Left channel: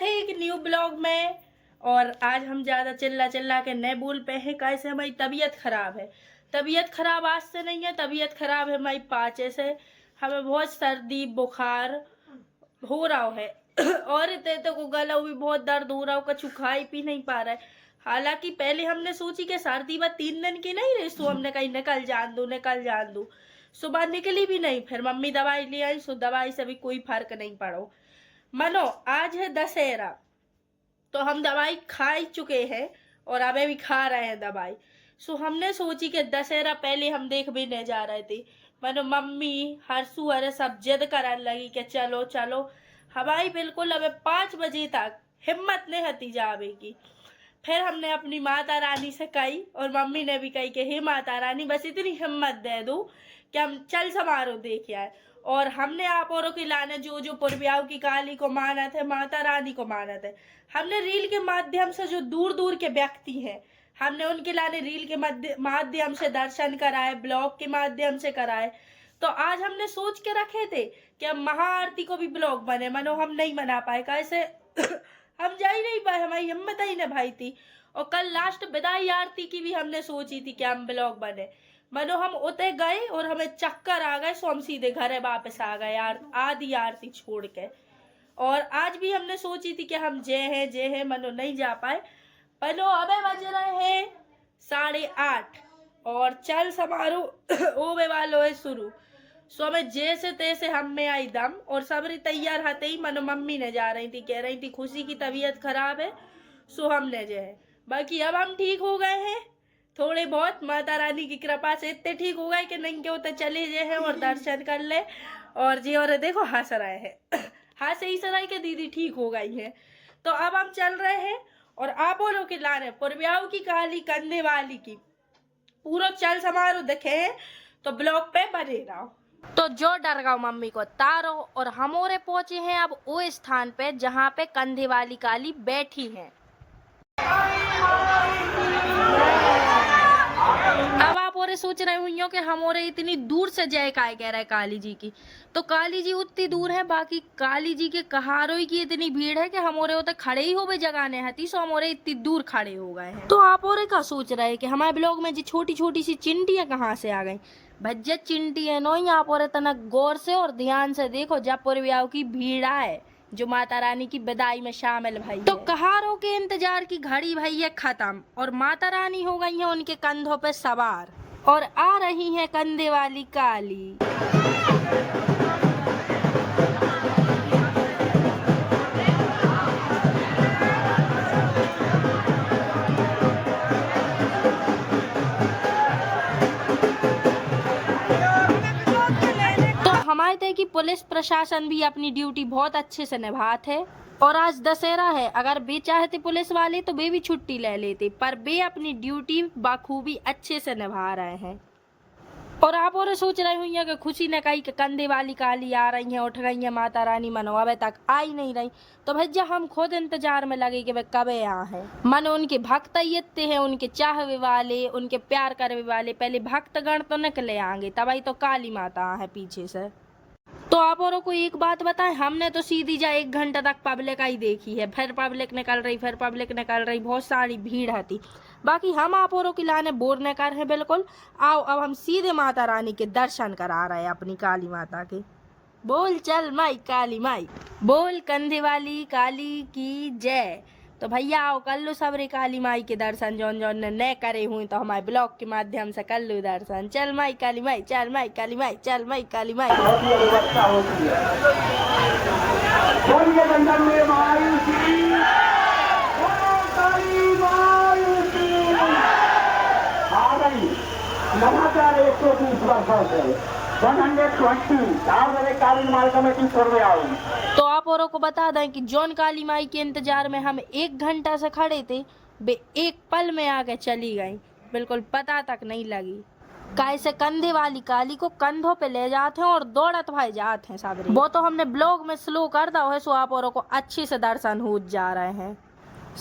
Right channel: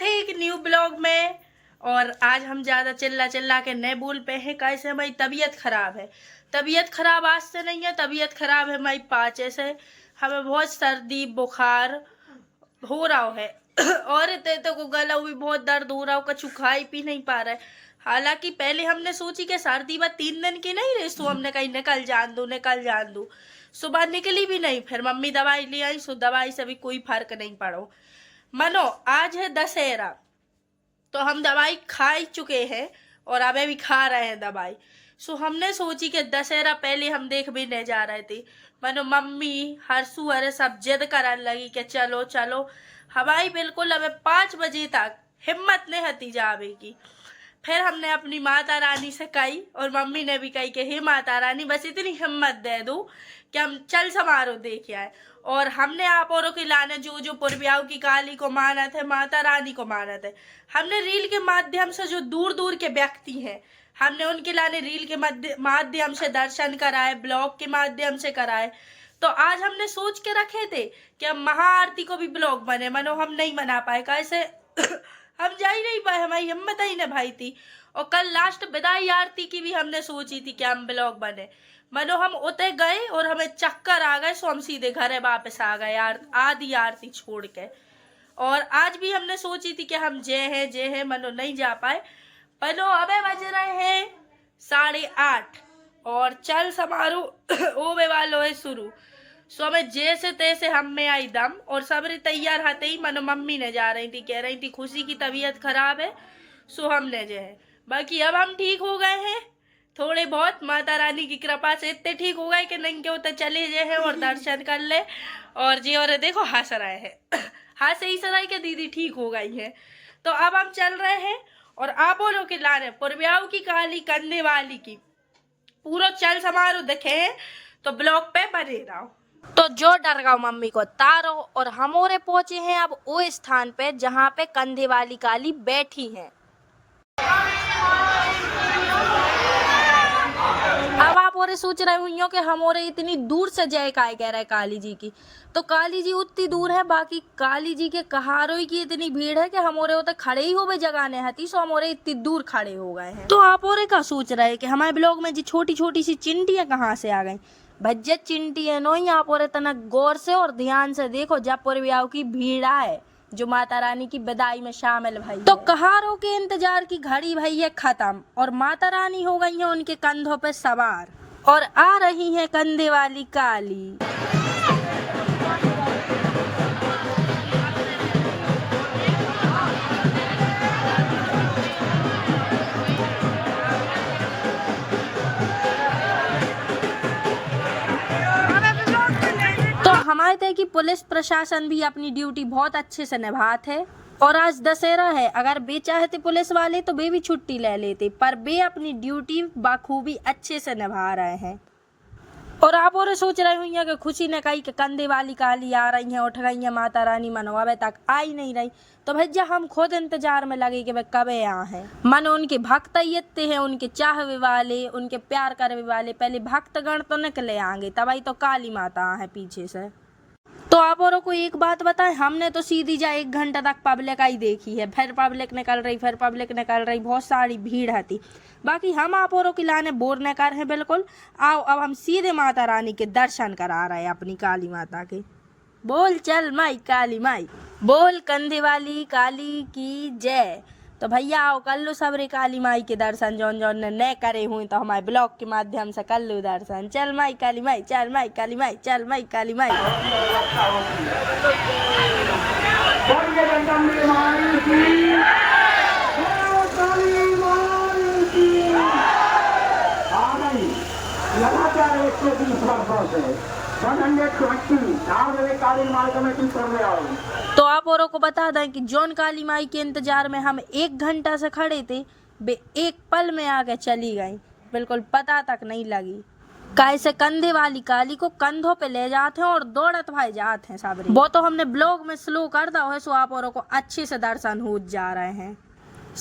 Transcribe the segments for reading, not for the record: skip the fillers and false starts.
स्वागत है एक न्यू ब्लॉग में। और आज हम ज़्यादा चिल्ला चिल्ला के नहीं बोल पे हैं, कैसे हमारी तबीयत खराब है। तबीयत खराब आज से नहीं है, तबीयत खराब है हमारी पाचे से। हमें बहुत सर्दी बुखार हो रहा है और इतने को गला भी बहुत दर्द हो रहा हो, कछु खाई पी नहीं पा रहा है। हालांकि पहले हमने सोची कि सर्दी बस 3 दिन की नहीं रही, तो हमने कहीं निकल जान दू। सुबह निकली भी नहीं, फिर मम्मी दवाई ले आई, सो दवाई से भी कोई फर्क नहीं पड़ो। मनो आज है दशहरा, तो हम दवाई खा ही चुके हैं और अबे भी खा रहे हैं दवाई। सो हमने सोची कि दशहरा पहले हम देख भी नहीं जा रहे थे। मनो मम्मी हरसू अरे सब जिद करने लगी कि चलो चलो। हमारी बिल्कुल अबे 5 बजे तक हिम्मत नहीं हती जावे की। फिर हमने अपनी माता रानी से कही और मम्मी ने भी कही कि हे माता रानी बस इतनी हिम्मत दे दो कि हम चल समारोह देख आए। और हमने आप औरों के लाने जो जो पुरबियाओं की काली को माना थे, माता रानी को माना थे। हमने रील के माध्यम से जो दूर दूर के व्यक्ति हैं, हमने उनके लाने रील के माध्यम से दर्शन कराए, ब्लॉग के माध्यम से कराए। तो आज हमने सोच के रखे थे कि हम महाआरती को भी ब्लॉग बने, मनो हम नहीं बना पाए कैसे हम जा ही नहीं पाए, हमारी हिम्मत ही न भाई थी। और कल लास्ट विदाई आरती की भी हमने सोची थी कि हम ब्लॉग बने, मनो हम उते गए और हमें चक्कर आ गए, सो हम सीधे घर वापस आ गए आधी आरती छोड़ के। और आज भी हमने सोची थी कि हम जे हैं मनो नहीं जा पाए। मनो अबे बज रहे हैं 8:30 और चल समारोह ओवे वालो है शुरू। सो हमें जैसे तैसे हम में आई दम और सबरी तैयार हते ही मनो मम्मी ने जा रही थी, कह रही थी खुशी की तबीयत खराब है, सो हमने जो है बाकी अब हम ठीक हो गए हैं थोड़े बहुत, माता रानी की कृपा से इतने ठीक हो गए कि नहीं के उतर चले जे हैं और दर्शन कर ले। और जी और देखो हंस रहे हैं हंस ही सराय के दीदी ठीक हो गई है। तो अब हम चल रहे हैं और आप बोलो कि लाने पुरबियाओं की काली करने वाली की पूरा चल समारोह देखे हैं, तो ब्लॉग पे बने रहो। तो जो डर गao मम्मी को तारो और हमोरे पहुंचे हैं अब वो स्थान पे जहाँ पे कंधे वाली काली बैठी है। अब आप और सोच रहे हुई हो कि हम और इतनी दूर से जय काय कह रहे काली जी की, तो काली जी उतनी दूर है, बाकी काली जी के कहारों की इतनी भीड़ है कि हम और उतर खड़े ही हो गए जगह नहीं हती, सो हम और इतनी दूर खड़े हो गए हैं। तो आप और क्या सोच रहे कि हमारे ब्लॉग में जी छोटी छोटी सी चिंटियां कहाँ से आ गई। भज्जा चिंटियां नो, आप और इतना गौर से और ध्यान से देखो जब पुरबियाओं की भीड़ आए जो माता रानी की विदाई में शामिल भाई। तो कहारों के इंतजार की घड़ी भाई है खत्म और माता रानी हो गई है उनके कंधों पे सवार और आ रही है कंधे वाली काली। तो हमारे तय की पुलिस प्रशासन भी अपनी ड्यूटी बहुत अच्छे से निभाते है और आज दशहरा है, अगर बे चाहते पुलिस वाले तो बे भी छुट्टी ले लेते, पर बे अपनी ड्यूटी बाखूबी अच्छे से निभा रहे हैं। और आप और सोच रहे हुई कि खुशी ने कही कि कंधे वाली काली आ रही है, उठ गई है माता रानी, मनो अबे तक आई नहीं रही। तो भैया हम खुद इंतजार में लगे कि वे कब यहाँ है। मनो उनके भक्त इतने हैं, उनके चाहवे वाले, उनके प्यार करने वाले, पहले भक्तगण तो निकले आएंगे तब ही तो काली माता है पीछे से। तो आप औरों को एक बात बताएं, हमने तो सीधी जा 1 घंटा तक पब्लिक आई देखी है, फिर पब्लिक निकल रही, बहुत सारी भीड़ है थी। बाकी हम आप औरों की लाने बोर न कर हैं बिल्कुल। आओ अब हम सीधे माता रानी के दर्शन करा रहे हैं अपनी काली माता के। बोल चल माई काली माई, बोल कंधे वाली काली की जय। तो भैया आओ कर लो सबरे काली माई के दर्शन, जौन जौन ने न करे हुए तो हमारे ब्लॉग के माध्यम से कर लो दर्शन। चल माई काली माई, चल माई काली माई, चल माई काली माई। लगातार 130 वर्षों से 120 कालीन माई कमेटी करने आई। तो आप औरों को बता दें कि जौन काली माई के इंतजार में हम 1 घंटा से खड़े थे, वे एक पल में आके चली गई, बिल्कुल पता तक नहीं लगी। कैसे कंधे वाली काली को कंधों पे ले जाते हैं और दौड़त भाई जाते हैं साबरी। वो तो हमने ब्लॉग में स्लो कर दा है, सो आप औरों को अच्छे से दर्शन हो जा रहे हैं।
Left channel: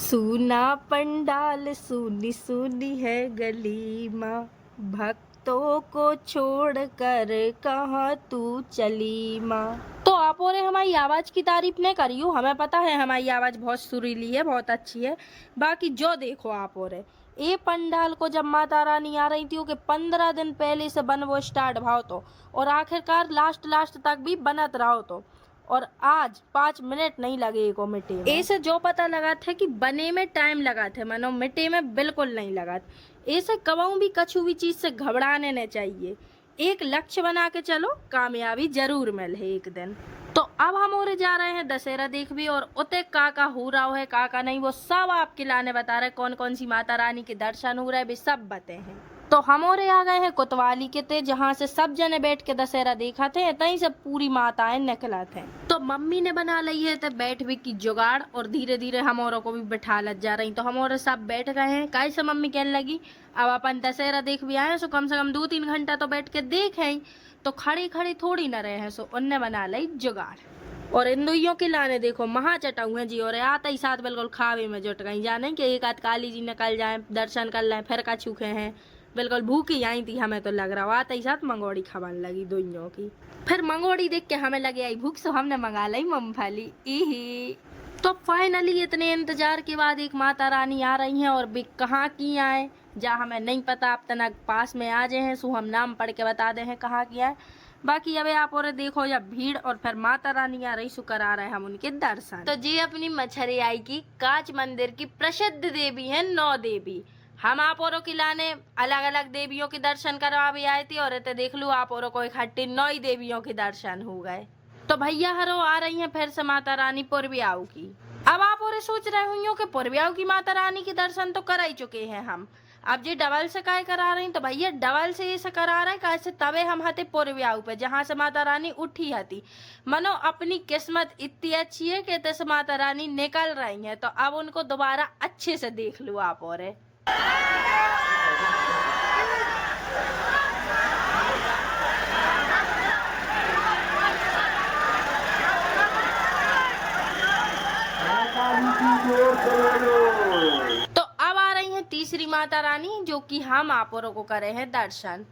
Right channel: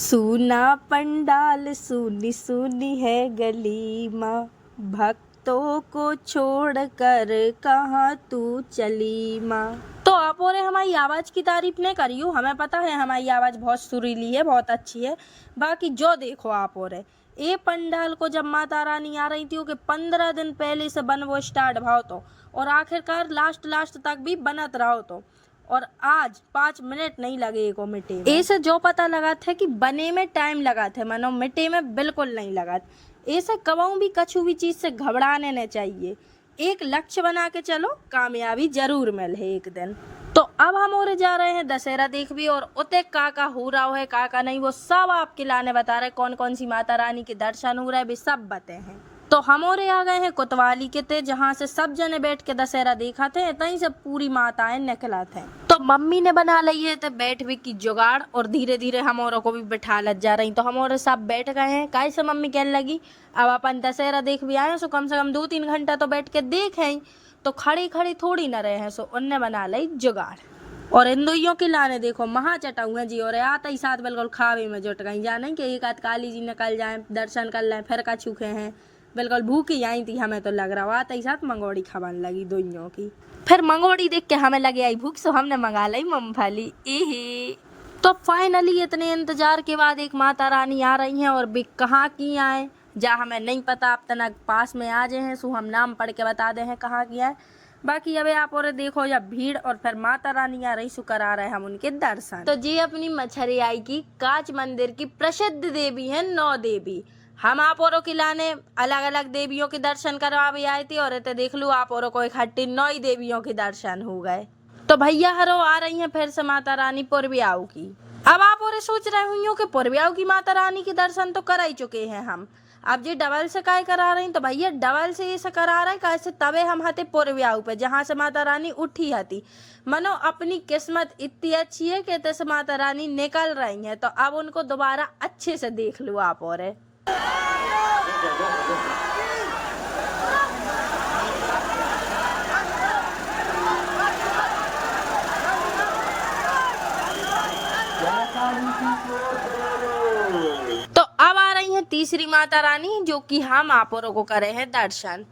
सूना पंडाल सूनी सूनी है गली माँ, भक्तों को छोड़कर कहाँ तू चली माँ। तो आप और हमारी आवाज़ की तारीफ नहीं करियो, हमें पता है हमारी आवाज़ बहुत सुरीली है, बहुत अच्छी है। बाकी जो देखो आप और ये पंडाल को जब माता रानी आ रही थी कि 15 दिन पहले से बन वो स्टार्ट भाव तो, और आखिरकार लास्ट तक भी बनत रहो तो, और आज 5 मिनट नहीं लगे को मिटे में। ऐसे जो पता लगा था कि बने में टाइम लगा थे, मानो मिटे में बिल्कुल नहीं लगा। ऐसे कबाऊ भी कछु भी चीज से घबराने नहीं चाहिए, एक लक्ष्य बना के चलो, कामयाबी जरूर मिले एक दिन। तो अब हम और जा रहे हैं दशहरा देख भी, और उते काका हो रहा है काका नहीं वो सब आपके लाने बता रहे, कौन कौन सी माता रानी के दर्शन हो रहे भी सब बते हैं। तो हम और आ गए हैं कोतवाली के ते, जहाँ से सब जने बैठ के दशहरा देखा थे, तहीं से पूरी माताएं निकला थे। तो मम्मी ने बना ली है तो बैठ भी की जुगाड़, और धीरे धीरे हम औरों को भी बैठा लग जा रही। तो हम और सब बैठ गए हैं। कैसे मम्मी कहने लगी अब अपन दशहरा देख भी आए, सो कम से कम 2-3 घंटा तो बैठ के देखें, तो खड़ी खड़ी थोड़ी न रहे हैं, सो उनने बना ली जुगाड़। और इन दुइयों के लाने देखो महा चटाऊ हैं जी, और आते ही साथ बिल्कुल खावे में जुट गई, जाने कि एक आध काली जी निकल जाए, दर्शन कर लें, फिर का चूके हैं, बिल्कुल भूखी आई थी हमें तो लग रहा। आते ही साथ मंगोड़ी खाने लगी दुइयों की। फिर मंगोड़ी देख के हमें लगे आई भूख, सो हमने मंगा ली मूंगफली। एहे तो फाइनली इतने इंतजार के बाद एक माता रानी आ रही हैं, और भी कहाँ की आए जा हमें नहीं पता, अब तक पास में आ जाए हैं, सो हम नाम पढ़ के बता दे हैं कहाँ की है। बाकी अब आप और देखो जब भीड़, और फिर माता रानी आ रही, शुक्र आ रहे हैं हम उनके दर्शन। तो जी अपनी मछरियाई की कांच मंदिर की प्रसिद्ध देवी है 9 देवी। हम आप औरों की लाने अलग अलग देवियों के दर्शन करवा भी आए थे, और इतने देख लो आप औरों को इकट्ठी 9 देवियों के दर्शन हो गए। तो भैया हरो आ रही हैं फिर से माता रानी पुरबियाऊ की। अब आप और सोच रहे हुई कि पुरबियाऊ की माता रानी के दर्शन तो कर ही चुके हैं हम, अब जी डबल से काय करा रही। तो भैया डबल से ये करा रहे कैसे, तबे हम हते पुरबियाऊ पे जहाँ से माता रानी उठी हती। मनो अपनी किस्मत इतनी अच्छी है कि तैसे माता रानी निकल रही हैं, तो अब उनको दोबारा अच्छे से देख लो आप और। तो अब आ रही है तीसरी माता रानी, जो कि हम आप औरों को करे हैं दर्शन।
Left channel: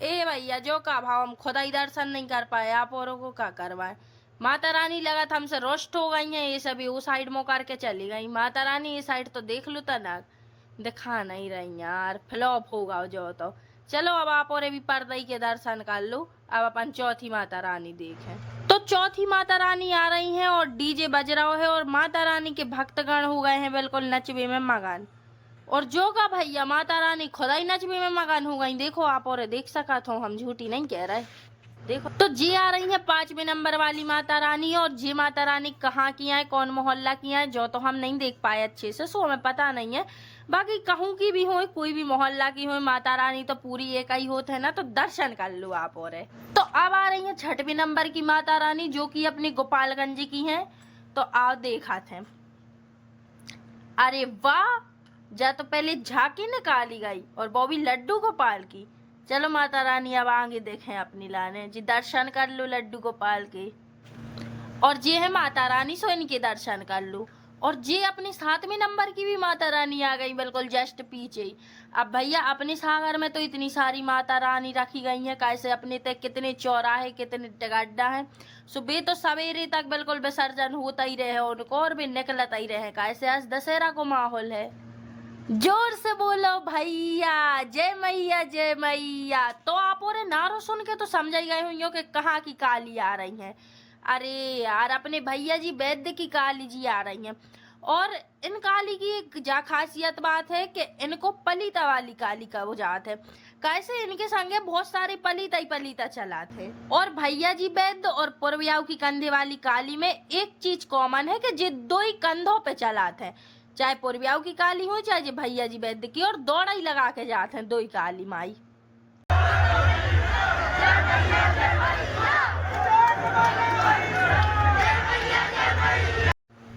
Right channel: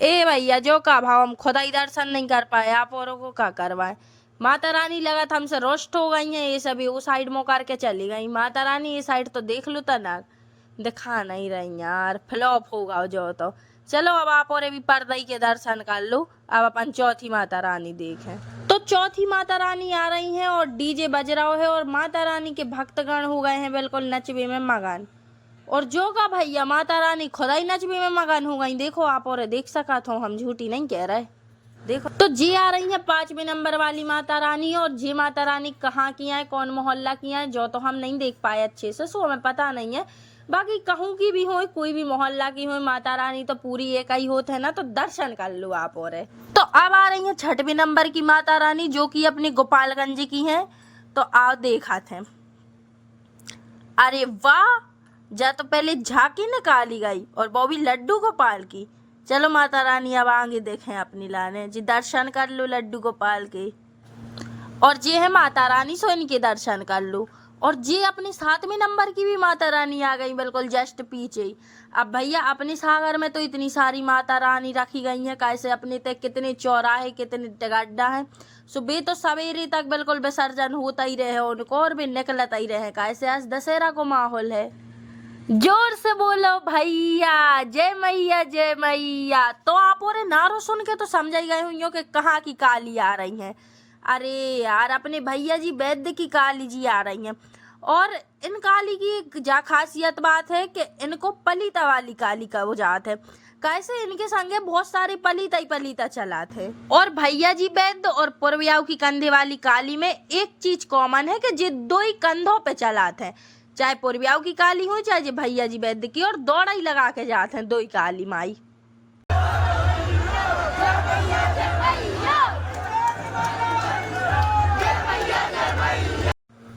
ए भैया जो का भाव हम खुदा ही दर्शन नहीं कर पाए, आप औरों को का करवाए। माता रानी लगा था हमसे रोस्ट हो गई हैं, ये सभी वो साइड में करके चली गई। माता रानी ये साइड तो देख लो तना, दिखा नहीं रही यार, फ्लॉप होगा जो। तो चलो अब आप और भी पर्दई के दर्शन कर लो, अब अपन चौथी माता रानी देखें। तो चौथी माता रानी आ रही हैं, और डीजे बज रहा है, और माता रानी के भक्तगण हो गए हैं बिल्कुल नचबे में मगन। और जो का भैया माता रानी खुदा ही नचबे में मगन हो गई, देखो आप और देख सका तो हम झूठी नहीं कह रहे। देखो तो जी आ रही है 5वें नंबर वाली माता रानी, और जी माता रानी कहाँ की है, कौन मोहल्ला की है, जो तो हम नहीं देख पाए अच्छे से, सो हमें पता नहीं है। बाकी कहूँ की भी हो, कोई भी मोहल्ला की हो, माता रानी तो पूरी एक ही होते है ना, तो दर्शन कर लो आप और। तो अब आ रही है 6वें नंबर की माता रानी, जो कि अपनी गोपालगंज की है। तो आओ देखा थे, अरे वाह, जा तो पहले झांकी निकाली गई, और वो भी लड्डू गोपाल की। चलो माता रानी अब आगे देखें अपनी लाने जी, दर्शन कर लो लड्डू गोपाल के। और ये है माता रानी, सो इनके दर्शन कर लो। और ये अपने 7वें नंबर की भी माता रानी आ गई बिल्कुल जस्ट पीछे। अब भैया अपने सागर में तो इतनी सारी माता रानी रखी गई हैं, कैसे अपने तक कितने चौराहे कितने गड्ढा हैं, सुबह तो सवेरे तक बिल्कुल विसर्जन होता ही रहे उनको, और भी निकलता ही रहे, कैसे आज दशहरा को माहौल है। जोर से बोलो भैया जय मैया जय मैया। तो आप और नारो सुन के तो समझ ही गए होंगे कि कहाँ की काली आ रही हैं। अरे यार अपने भैया जी वैद्य की काली जी आ रही हैं, और इन काली की एक जा खासियत बात है कि इनको पलीता वाली काली का वो जात है, कैसे इनके संगे बहुत सारे पलीता ही पलीता चला थे। और भैया जी वैद्य और पुरबियाऊ की कंधे वाली काली में एक चीज कॉमन है कि जे 2 ही कंधों पे चलाते हैं, चाहे पुरबियाऊ की काली हो चाहे भैया जी वैद्य की, और दौड़ा ही लगा के जाते हैं 2 ही काली माई।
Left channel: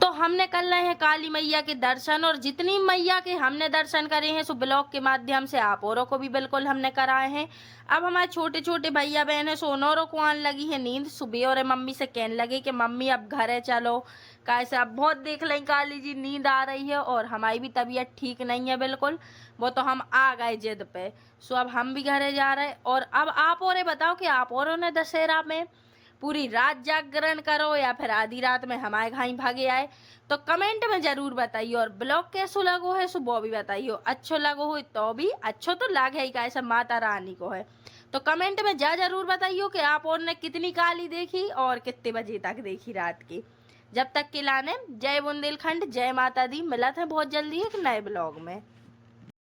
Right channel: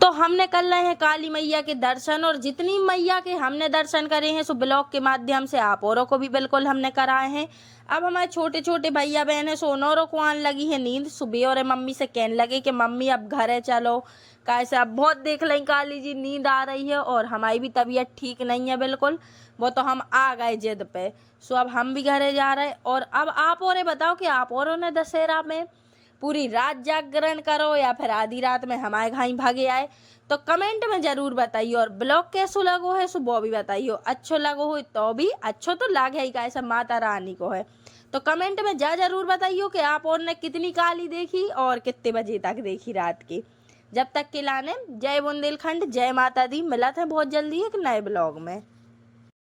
तो हमने कर रहे हैं काली मैया के दर्शन, और जितनी मैया के हमने दर्शन करे हैं सो ब्लॉग के माध्यम से आप औरों को भी बिल्कुल हमने कराए हैं। अब हमारे छोटे छोटे भैया बहन है, सोनौरों को आने लगी है नींद। सुबह और मम्मी से कहने लगे कि मम्मी अब घरे चलो, कैसे अब बहुत देख लें काली जी, नींद आ रही है, और हमारी भी तबीयत ठीक नहीं है बिल्कुल। वो तो हम आ गए जिद पे, सो अब हम भी घरे जा रहे हैं। और अब आप और बताओ कि आप औरों ने दशहरा में पूरी रात जागरण करो या फिर आधी रात में हमारे घाई भागे आए, तो कमेंट में जरूर बताइए। और ब्लॉग कैसो लगो है सो वो भी बताइए। अच्छो लगो हो तो भी अच्छो तो लागे ही कैसे माता रानी को है, तो कमेंट में जरूर बताइए कि आप और ने कितनी काली देखी और कितने बजे तक देखी रात की। जब तक के लाने जय बुंदेलखंड, जय माता दी। मिलत है बहुत जल्दी एक नए ब्लॉग में।